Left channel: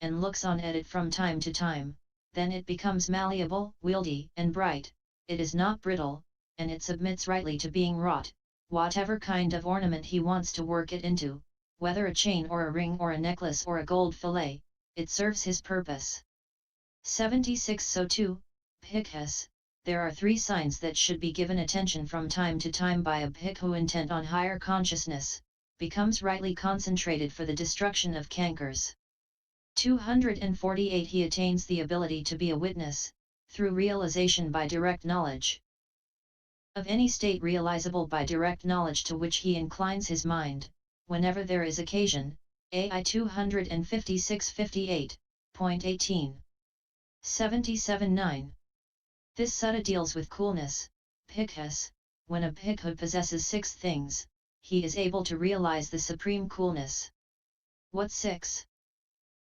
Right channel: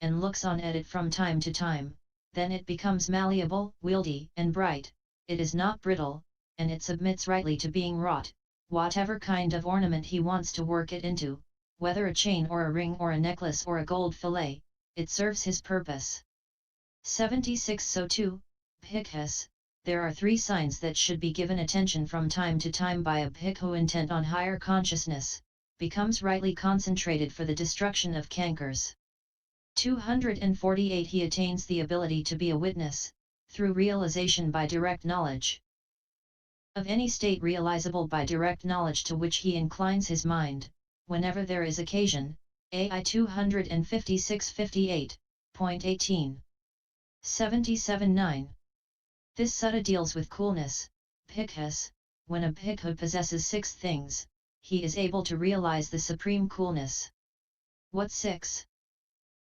and looks on at it from time to time, then it becomes malleable, wieldy, and bright. It is not brittle, and it submits rightly to being wrought, whatever kind of ornament he wants to work it into, whether a chain or a ring or a necklace or a gold fillet, it serves his purpose. 76. So too, Bhikkhus, there are 3 signs that should be given attention from time to time by a bhikkhu intent on higher consciousness, becomes rightly concentrated for the destruction of cankers. 248. He attains the ability to be a witness, through realization by direct knowledge, of any state realizable by direct knowledge to which he inclines his mind, whenever there is occasion. AI 256-58.18. 77-9. This sutta deals with coolness. Bhikkhus, when a bhikkhu possesses 6 things, he is able to realize the supreme coolness. What 6?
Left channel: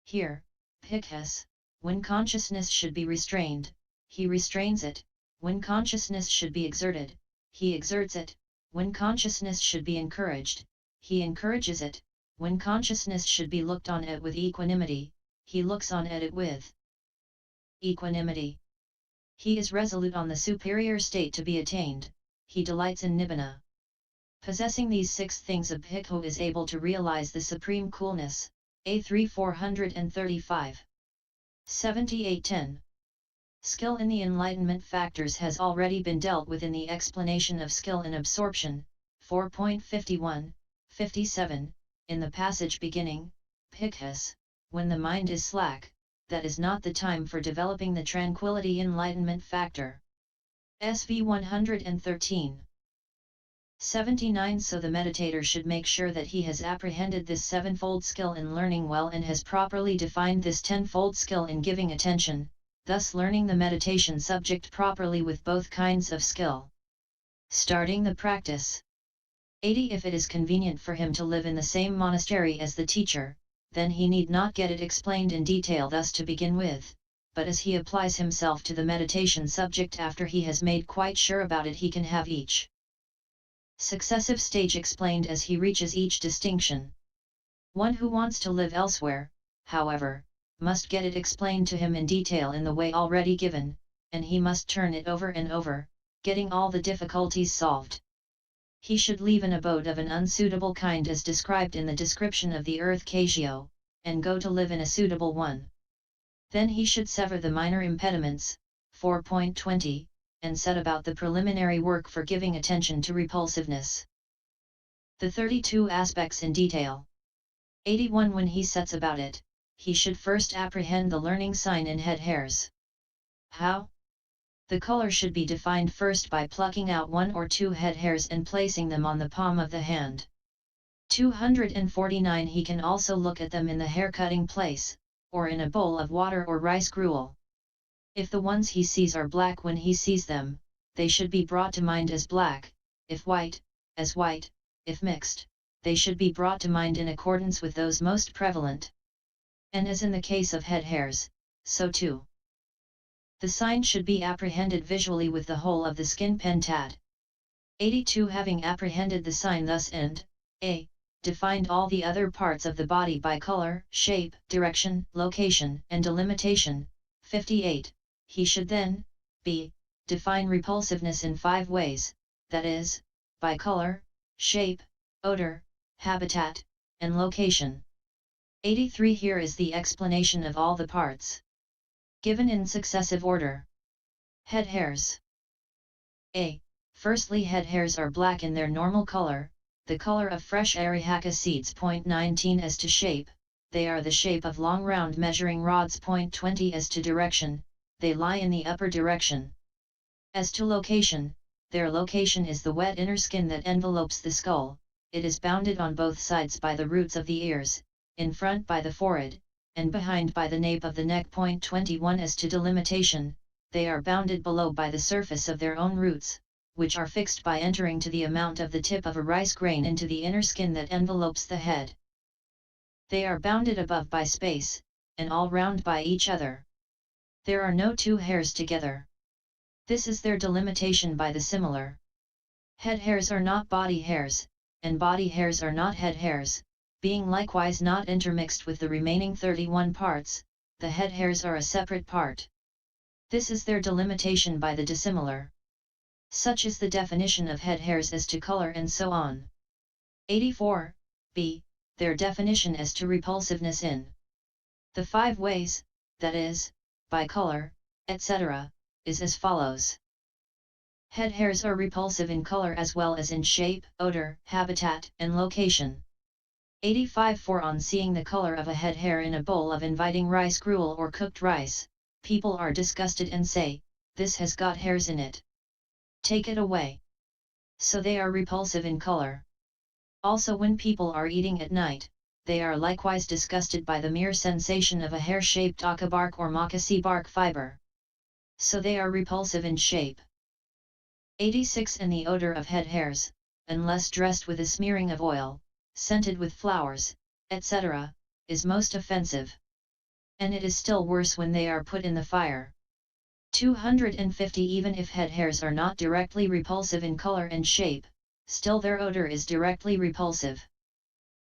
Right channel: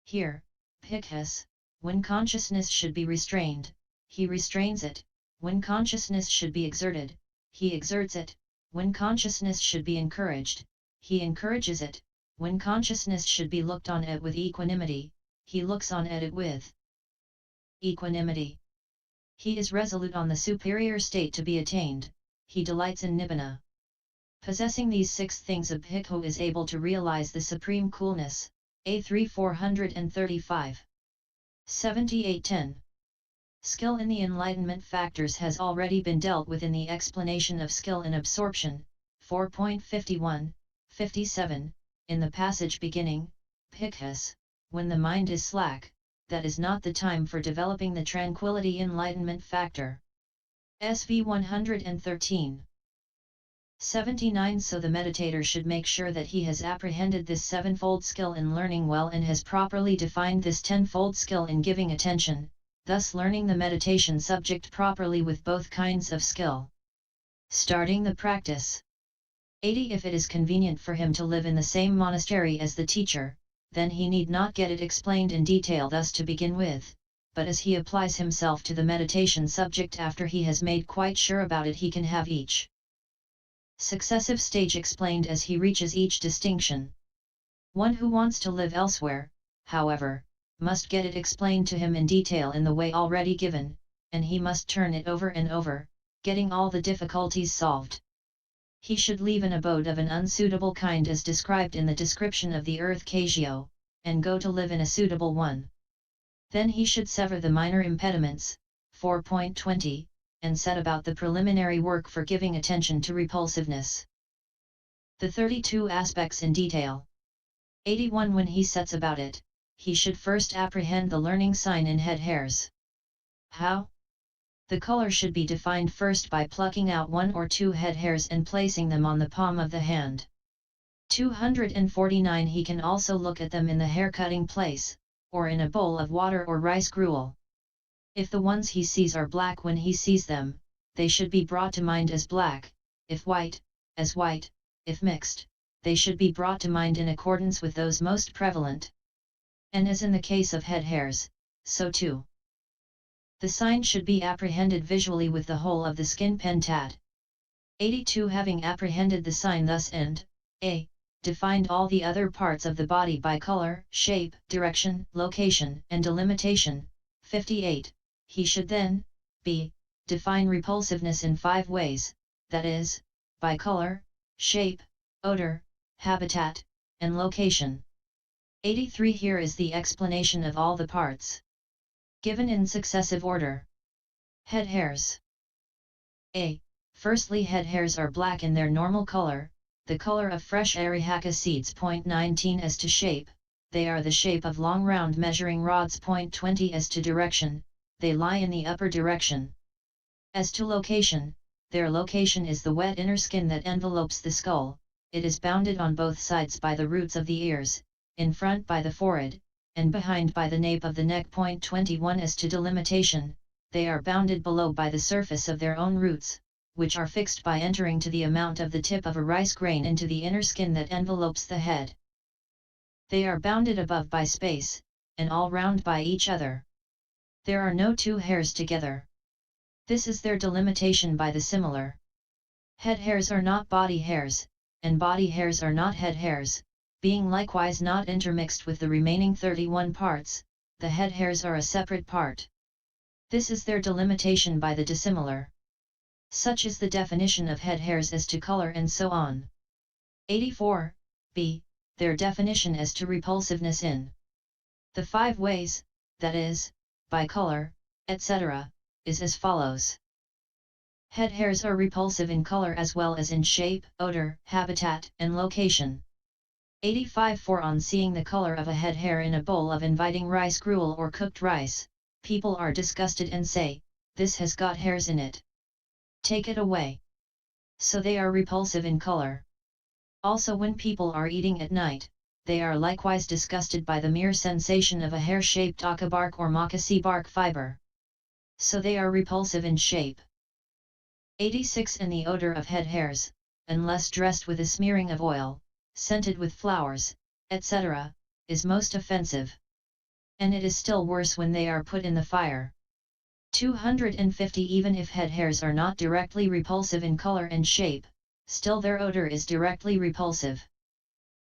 Here, Bhikkhus, when consciousness should be restrained, he restrains it; when consciousness should be exerted, he exerts it; when consciousness should be encouraged, he encourages it; when consciousness should be looked on at with equanimity, he looks on at it with equanimity. He is resolute on the superior state to be attained, he delights in Nibbana. Possessing these 6 things, a bhikkhu is able to realize the supreme coolness. A3 435. 78-10. Skill in the enlightenment factors has already been dealt with in the explanation of skill in absorption, 4.51, 57, in the passage beginning, Bhikkhus, when the mind is slack, that is not the time for developing the tranquility enlightenment factor. SV 113. 79. So the meditator should make sure that he has apprehended this 7-fold skill in learning well and has properly defined this 10-fold skill in giving attention, thus learning the meditation subject properly with both kinds of skill. Starting the practice. 80. If it is convenient for him to live in the same monastery as the teacher, then he need not get it explained in detail thus to begin with, but as he applies himself to the meditation subject after he has made quite sure about it, he can have each successive stage explained as he reaches each distinction. One who wants to live elsewhere, however, must get it explained to him in detail in the way already given, and he must turn it over and over, getting all the difficulties solved. He should leave an abode of an unsuitable kind as described in the description of the earth Kajio, and go to live in a suitable one. Then he should sever the minor impediments, 4.20, and set about the preliminary work for giving attention to repulsiveness. The 32 aspects in detail. 81. When he sets about it, he should first apprehend the learning sign in head hairs. How? The color should be defined first by plucking out 1 or 2 head hairs and placing them on the palm of the hand. 249. He can also look at them in the hair-cutting place, or in a bowl of water or rice gruel. If the ones he sees are black when he sees them, they should be brought to mind as black; if white, as white; if mixed, they should be brought to mind in accordance with those most prevalent. And as in the case of head hairs, so too the sign should be apprehended visually with the whole of the skin pentad. 82. Having apprehended the sign thus and a. defined all the other parts of the body by color, shape, direction, location, and delimitation. 58. He should then, b. define repulsiveness in 5 ways, that is, by color, shape, odor, habitat, and location. 83. Here is the explanation of all the parts, given in successive order. Head hairs. A. Firstly, head hairs are black in their normal color, the color of fresh arihaka seeds. 19. As to shape, they are the shape of long round measuring rods. 20. As to direction, they lie in the upper direction. As to location, their location is the wet inner skin that envelopes the skull. It is bounded on both sides by the roots of the ears, in front by the forehead, and behind by the nape of the neck. 21. As to delimitation, they are bounded below by the surface of their own roots, which are fixed by entering to the amount of the tip of a rice grain into the inner skin that envelopes the head. They are bounded above by space, and all round by each other. There are no 2 hairs together. This is their delimitation by the similar. Head hairs are not body hairs, and body hairs are not head hairs, being likewise not intermixed with the remaining 31 parts, the head hairs are a separate part. This is their delimitation by the dissimilar. Such is the definition of head hairs as to color and so on. 84. B. Their definition as to repulsiveness in the 5 ways, that is, by color, etc., is as follows. Head hairs are repulsive in color as well as in shape, odor, habitat, and location. 85. For on seeing the color of a head hair in a bowl of inviting rice gruel or cooked rice, people are disgusted and say, "This has got hairs in it. Take it away." So they are repulsive in color. Also when people are eating at night, they are likewise disgusted by the mere sensation of a hair-shaped aka bark or moccasin bark fiber. So they are repulsive in shape. 86. And the odor of head hairs, unless dressed with a smearing of oil, scented with flowers, etc., is most offensive. And it is still worse when they are put in the fire. 250. Even if head hairs are not directly repulsive in color and shape, still their odor is directly repulsive.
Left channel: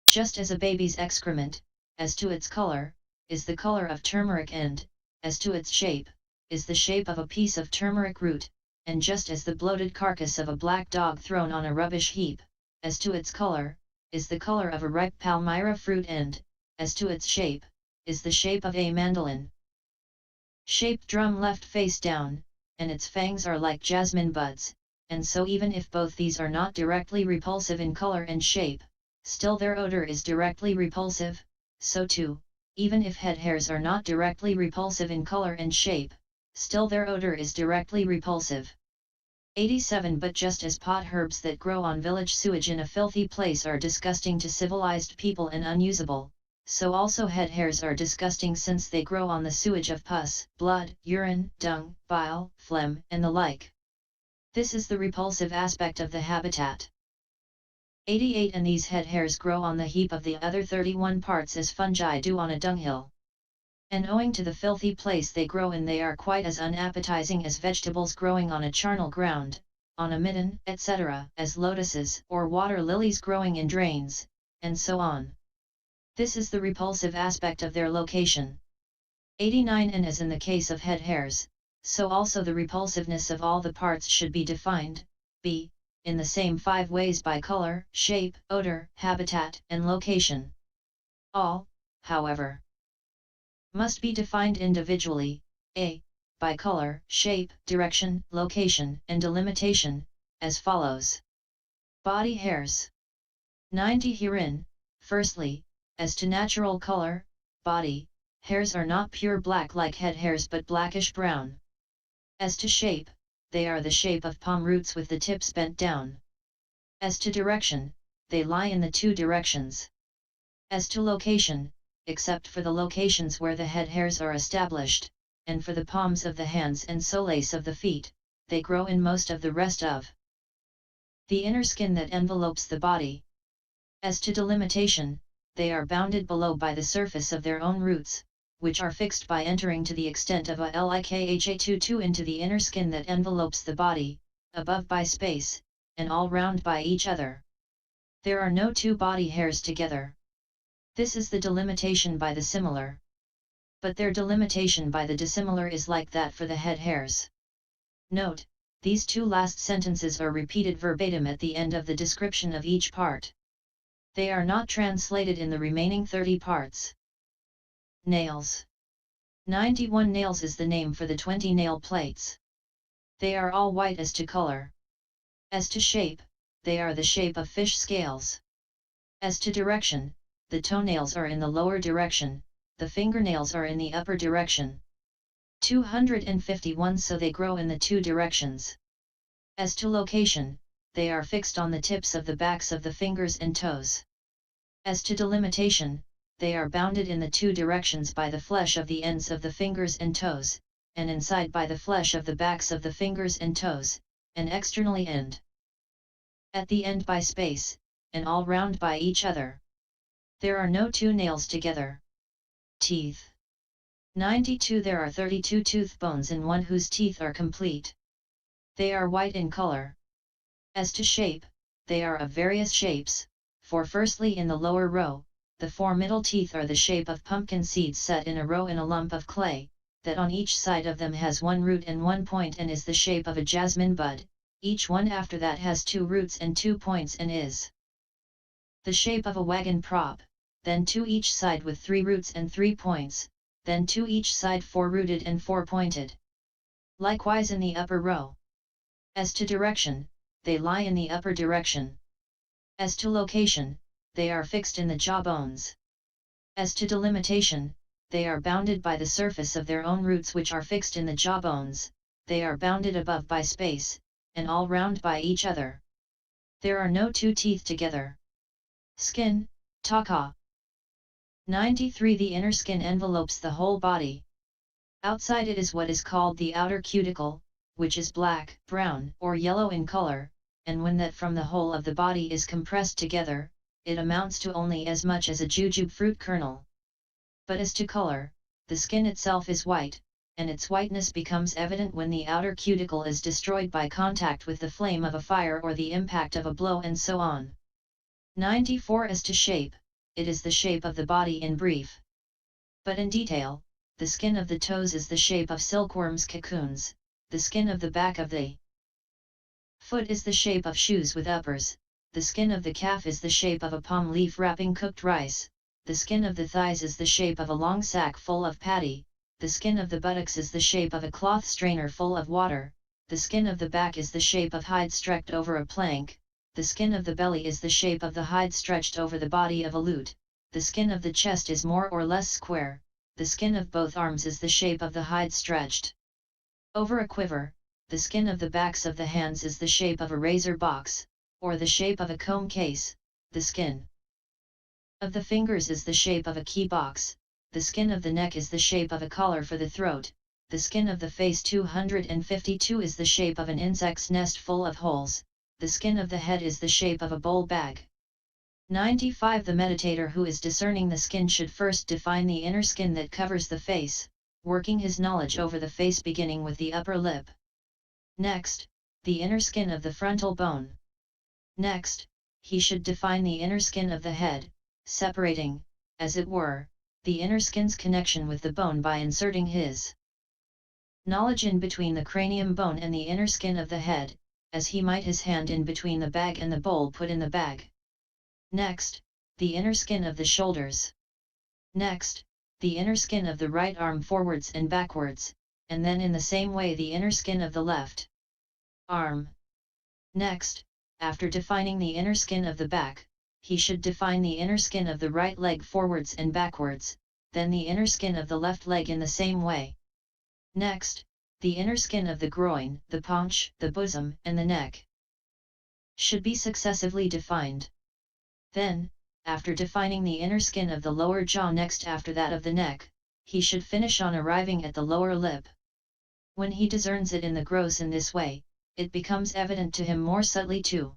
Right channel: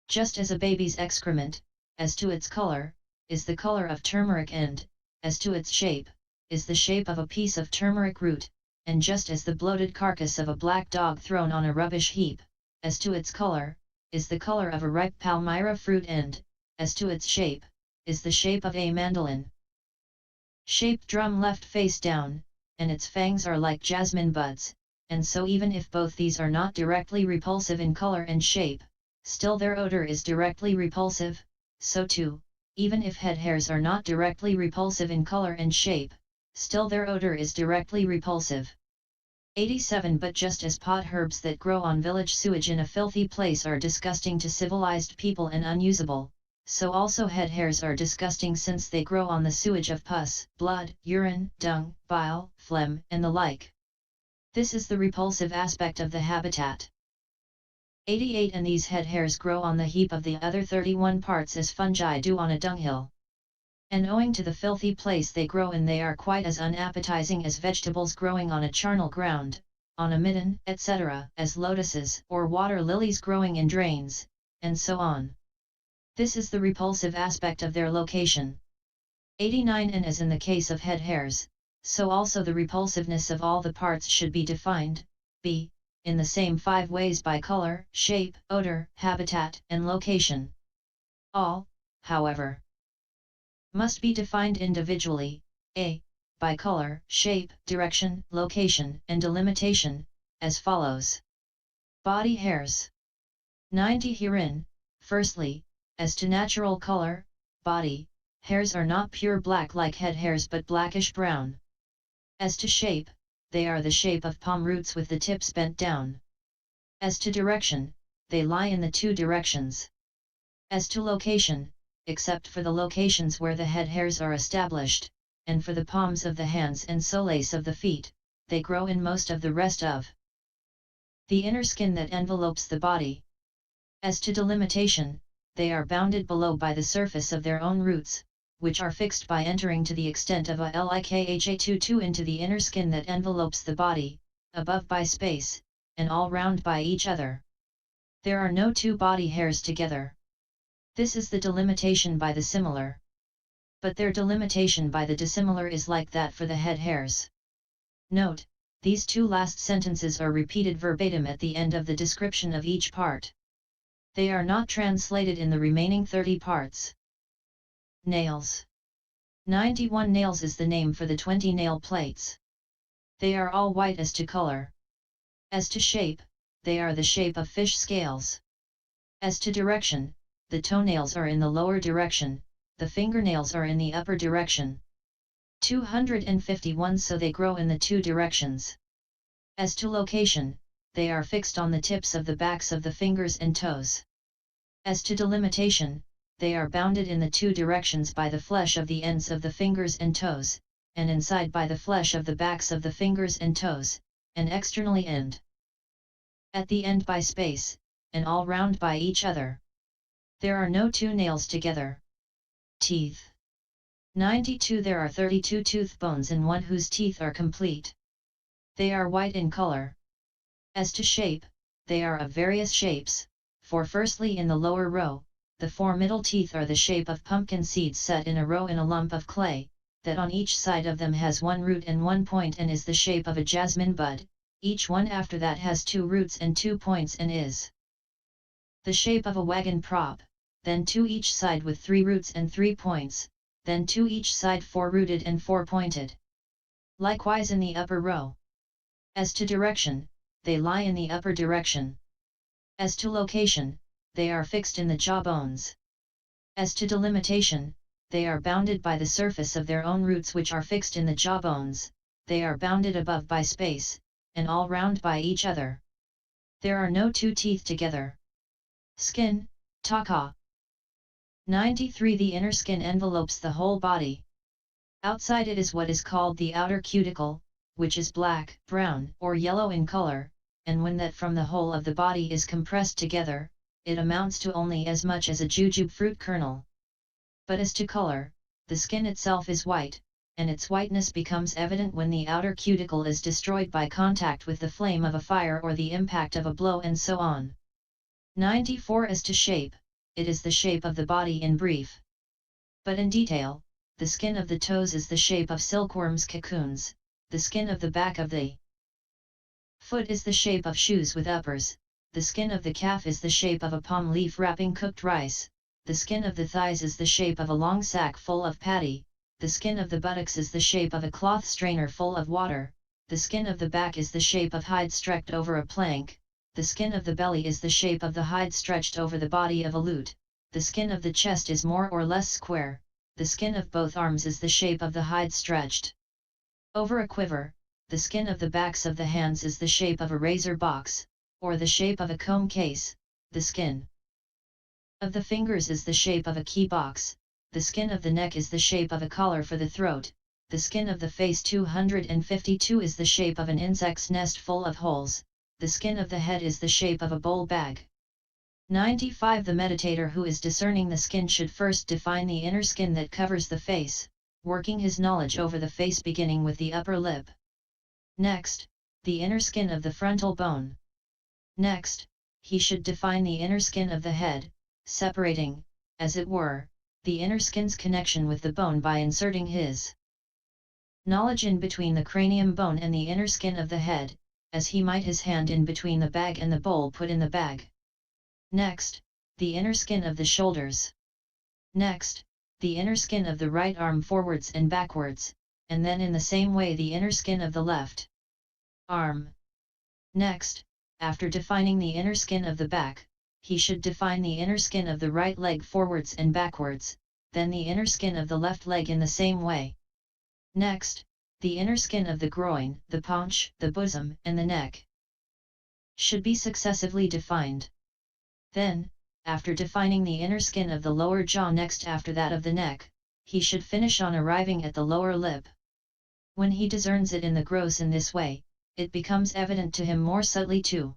Just as a baby's excrement, as to its color, is the color of turmeric and, as to its shape, is the shape of a piece of turmeric root, and just as the bloated carcass of a black dog thrown on a rubbish heap, as to its color, is the color of a ripe palmyra fruit and, as to its shape, is the shape of a mandolin. Shaped drum left face down, and its fangs are like jasmine buds, and so even if both these are not directly repulsive in color and shape, still their odor is directly repulsive, so too, even if head hairs are not directly repulsive in color and shape, still their odor is directly repulsive. 87. But just as pot herbs that grow on village sewage in a filthy place are disgusting to civilized people and unusable, so also head hairs are disgusting since they grow on the sewage of pus, blood, urine, dung, bile, phlegm, and the like. This is the repulsive aspect of the habitat. 88. And these head hairs grow on the heap of the other 31 parts as fungi do on a dunghill. And owing to the filthy place they grow in, they are quite as unappetizing as vegetables growing on a charnel ground, on a midden, etc., as lotuses or water lilies growing in drains, and so on. This is the repulsive aspect of their location. 89. And as in the case of head hairs, so also the repulsiveness of all the parts should be defined, b. in the same 5 ways by color, shape, odor, habitat, and location. All, however, must be defined individually, a. by color, shape, direction, location, and delimitation, as follows. Body hairs. 90. Herein, firstly, as to natural color, body hairs are not pure black like head hairs but blackish brown. As to shape, they are the shape of palm roots with the tips bent down. As to direction, they lie in the 2 directions. As to location, except for the locations where the head hairs are established, and for the palms of the hands and soles of the feet, they grow in most of the rest of the inner skin that envelopes the body. As to delimitation, they are bounded below by the surface of their own roots, which are fixed by entering to the extent of a likha22 into the inner skin that envelopes the body, above by space, and all round by each other. There are no 2 body hairs together. This is the delimitation by the similar. But their delimitation by the dissimilar is like that for the head hairs. Note, these 2 last sentences are repeated verbatim at the end of the description of each part. They are not translated in the remaining 30 parts. Nails. 91. Nails is the name for the 20 nail plates. They are all white as to color. As to shape, they are the shape of fish scales. As to direction, the toenails are in the lower direction, the fingernails are in the upper direction. 251. So they grow in the 2 directions. As to location, they are fixed on the tips of the backs of the fingers and toes. As to delimitation, they are bounded in the 2 directions by the flesh of the ends of the fingers and toes, and inside by the flesh of the backs of the fingers and toes, and externally and at the end by space, and all round by each other. There are no 2 nails together. Teeth. 92. There are 32 tooth bones in one whose teeth are complete. They are white in color. As to shape, they are of various shapes, for firstly in the lower row, the 4 middle teeth are the shape of pumpkin seeds set in a row in a lump of clay, that on each side of them has 1 root and 1 point and is the shape of a jasmine bud, each one after that has 2 roots and 2 points and is the shape of a wagon prop, then 2 each side with 3 roots and 3 points, then 2 each side 4 rooted and 4 pointed. Likewise in the upper row. As to direction, they lie in the upper direction. As to location, they are fixed in the jaw bones. As to delimitation, they are bounded by the surface of their own roots which are fixed in the jaw bones, they are bounded above by space, and all round by each other. There are no 2 teeth together. Skin, taka. 93. The inner skin envelopes the whole body. Outside it is what is called the outer cuticle, which is black, brown, or yellow in color, and when that from the whole of the body is compressed together, it amounts to only as much as a jujube fruit kernel. But as to color, the skin itself is white, and its whiteness becomes evident when the outer cuticle is destroyed by contact with the flame of a fire or the impact of a blow and so on. 94. As to shape, it is the shape of the body in brief. But in detail, the skin of the toes is the shape of silkworms' cocoons, the skin of the back of the foot is the shape of shoes with uppers, the skin of the calf is the shape of a palm leaf wrapping cooked rice, the skin of the thighs is the shape of a long sack full of paddy, the skin of the buttocks is the shape of a cloth strainer full of water, the skin of the back is the shape of hide stretched over a plank, the skin of the belly is the shape of the hide stretched over the body of a lute, the skin of the chest is more or less square, the skin of both arms is the shape of the hide stretched over a quiver, the skin of the backs of the hands is the shape of a razor box, or the shape of a comb case, the skin of the fingers is the shape of a key box, the skin of the neck is the shape of a collar for the throat, the skin of the face 252 is the shape of an insect's nest full of holes, the skin of the head is the shape of a bowl bag. 95. The meditator who is discerning the skin should first define the inner skin that covers the face, working his knowledge over the face beginning with the upper lip. Next, the inner skin of the frontal bone. Next, he should define the inner skin of the head, separating, as it were, the inner skin's connection with the bone by inserting his knowledge in between the cranium bone and the inner skin of the head, as he might his hand in between the bag and the bowl put in the bag. Next, the inner skin of the shoulders. Next, the inner skin of the right arm forwards and backwards, and then in the same way the inner skin of the left arm. Next, after defining the inner skin of the back, he should define the inner skin of the right leg forwards and backwards, then the inner skin of the left leg in the same way. Next, the inner skin of the groin, the paunch, the bosom, and the neck should be successively defined. Then, after defining the inner skin of the lower jaw next after that of the neck, he should finish on arriving at the lower lip. When he discerns it in the gross in this way, it becomes evident to him more subtly too.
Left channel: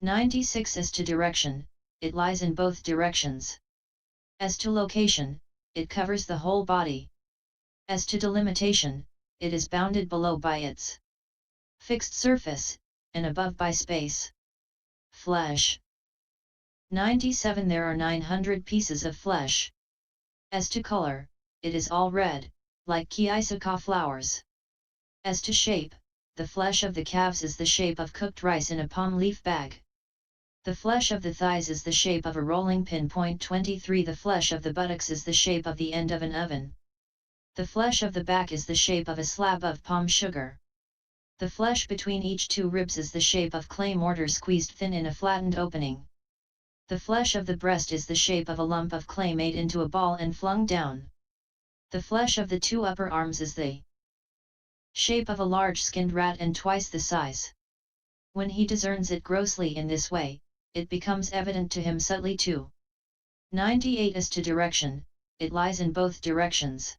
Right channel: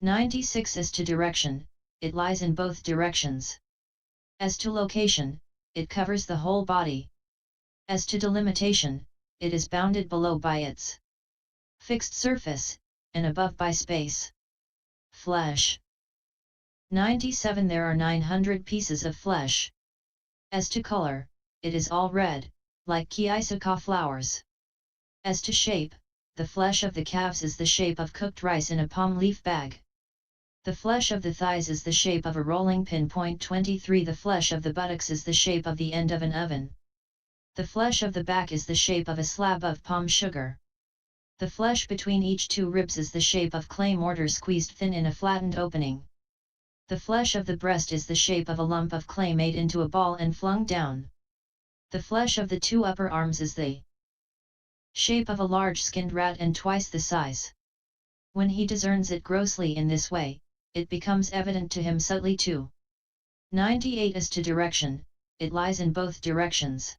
96. As to direction, it lies in both directions. As to location, it covers the whole body. As to delimitation, it is bounded below by its fixed surface, and above by space. Flesh. 97. There are 900 pieces of flesh. As to color, it is all red, like Kiisaka flowers. As to shape, the flesh of the calves is the shape of cooked rice in a palm leaf bag. The flesh of the thighs is the shape of a rolling pin. 23. The flesh of the buttocks is the shape of the end of an oven. The flesh of the back is the shape of a slab of palm sugar. The flesh between each 2 ribs is the shape of clay mortar squeezed thin in a flattened opening. The flesh of the breast is the shape of a lump of clay made into a ball and flung down. The flesh of the 2 upper arms is the shape of a large skinned rat and twice the size. When he discerns it grossly in this way, it becomes evident to him subtly too. 98. As to direction, it lies in both directions.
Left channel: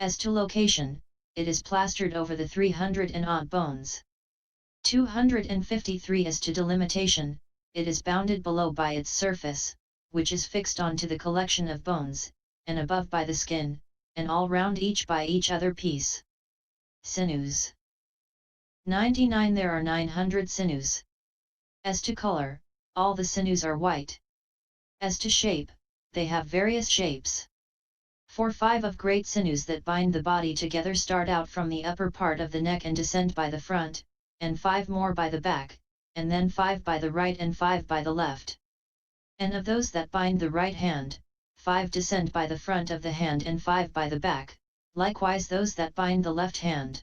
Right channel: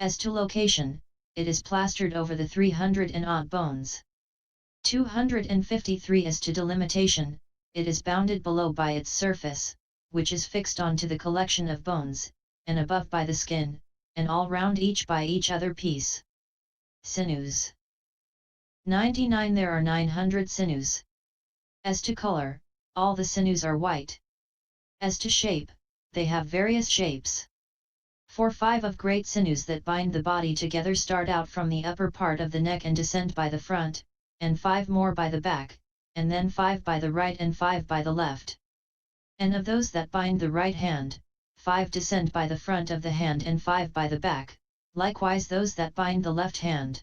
As to location, it is plastered over the 300 and odd bones. 253. As to delimitation, it is bounded below by its surface, which is fixed onto the collection of bones, and above by the skin, and all round each by each other piece. Sinews. 99. There are 900 sinews. As to color, all the sinews are white. As to shape, they have various shapes. For 5 of great sinews that bind the body together start out from the upper part of the neck and descend by the front, and 5 more by the back, and then 5 by the right and 5 by the left. And of those that bind the right hand, 5 descend by the front of the hand and 5 by the back, likewise those that bind the left hand.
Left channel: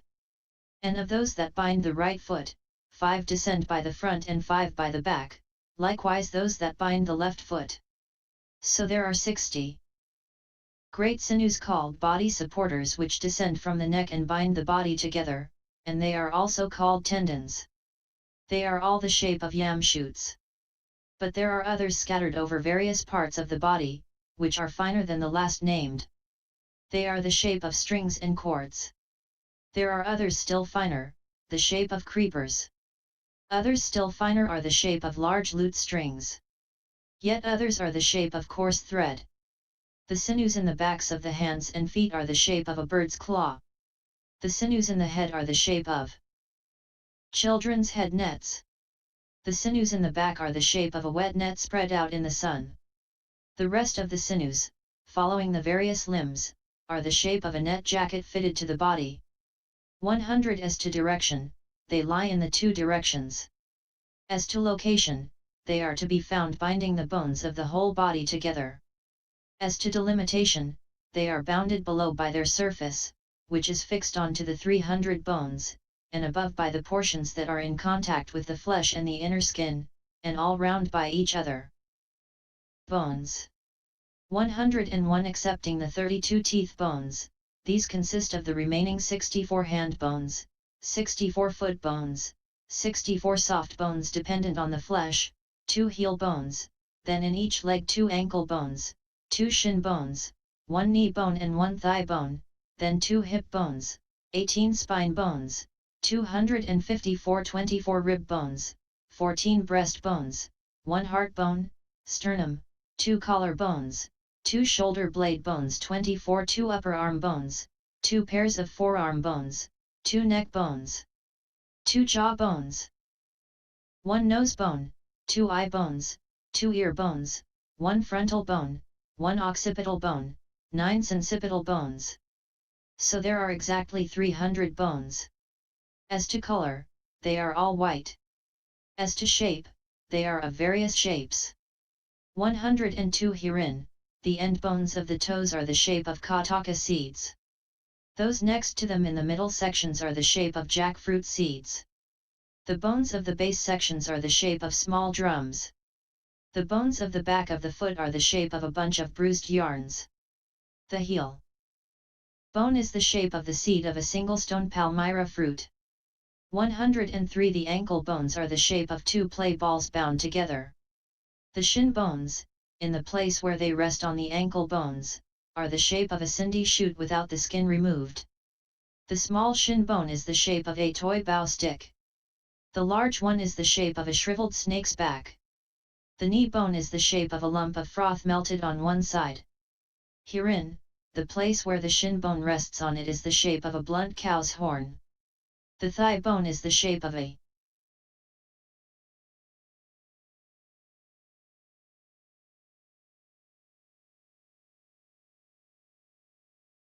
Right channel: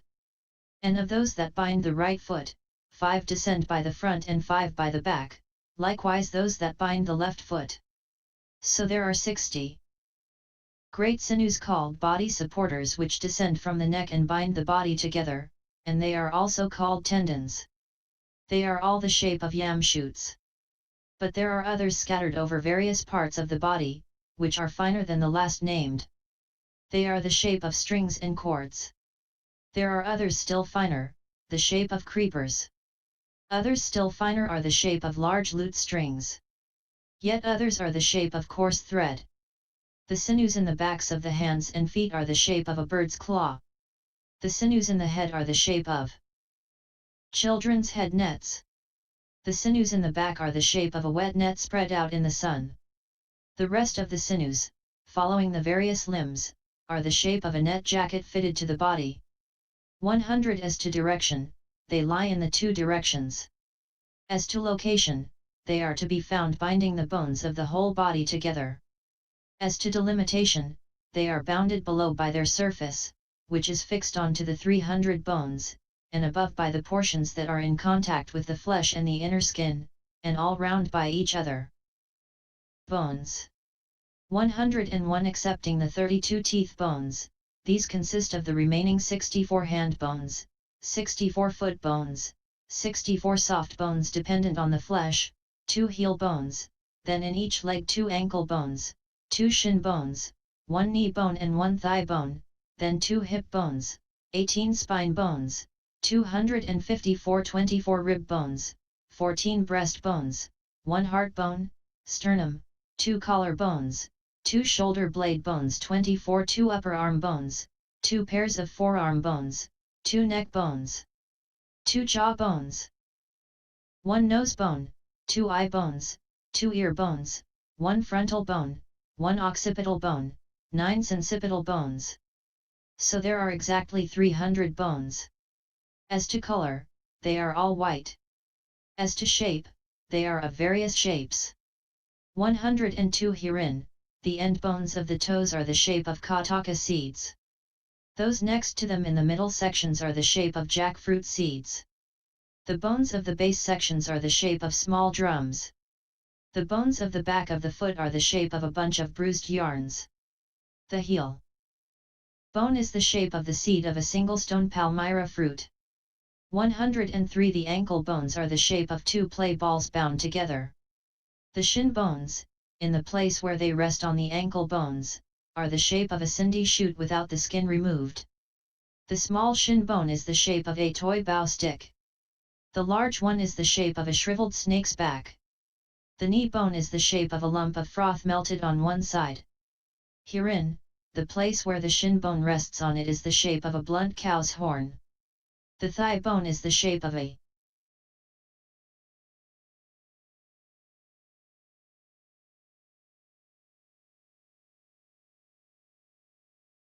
And of those that bind the right foot, 5 descend by the front and 5 by the back, likewise those that bind the left foot. So there are 60 great sinews called body supporters which descend from the neck and bind the body together, and they are also called tendons. They are all the shape of yam shoots. But there are others scattered over various parts of the body, which are finer than the last named. They are the shape of strings and cords. There are others still finer, the shape of creepers. Others still finer are the shape of large lute strings. Yet others are the shape of coarse thread. The sinews in the backs of the hands and feet are the shape of a bird's claw. The sinews in the head are the shape of children's head nets. The sinews in the back are the shape of a wet net spread out in the sun. The rest of the sinews, following the various limbs, are the shape of a net jacket fitted to the body. 100 As to direction, they lie in the 2 directions. As to location, they are to be found binding the bones of the whole body together. As to delimitation, they are bounded below by their surface, which is fixed onto the 300 bones, and above by the portions that are in contact with the flesh and the inner skin, and all round by each other. Bones. 101 Excepting the 32 teeth bones, these consist of the remaining 64 hand bones, 64 foot bones, 64 soft bones dependent on the flesh, 2 heel bones, then in each leg 2 ankle bones, 2 shin bones, 1 knee bone and 1 thigh bone, then 2 hip bones, 18 spine bones, 254 24 rib bones, 14 breast bones, 1 heart bone, sternum, 2 collar bones, 2 shoulder blade bones, 24 2 upper arm bones, 2 pairs of forearm bones, 2 neck bones, 2 jaw bones, 1 nose bone, 2 eye bones, 2 ear bones, 1 frontal bone, 1 occipital bone, 9 sincipital bones. So there are exactly 300 bones. As to color, they are all white. As to shape, they are of various shapes. 102 Herein, the end bones of the toes are the shape of kataka seeds. Those next to them in the middle sections are the shape of jackfruit seeds. The bones of the base sections are the shape of small drums. The bones of the back of the foot are the shape of a bunch of bruised yarns. The heel bone is the shape of the seed of a single stone palmyra fruit. 103 The ankle bones are the shape of 2 play balls bound together. The shin bones, in the place where they rest on the ankle bones, are the shape of a cindy shoot without the skin removed. The small shin bone is the shape of a toy bow stick. The large one is the shape of a shriveled snake's back. The knee bone is the shape of a lump of froth melted on one side. Herein, the place where the shin bone rests on it is the shape of a blunt cow's horn. The thigh bone is the shape of a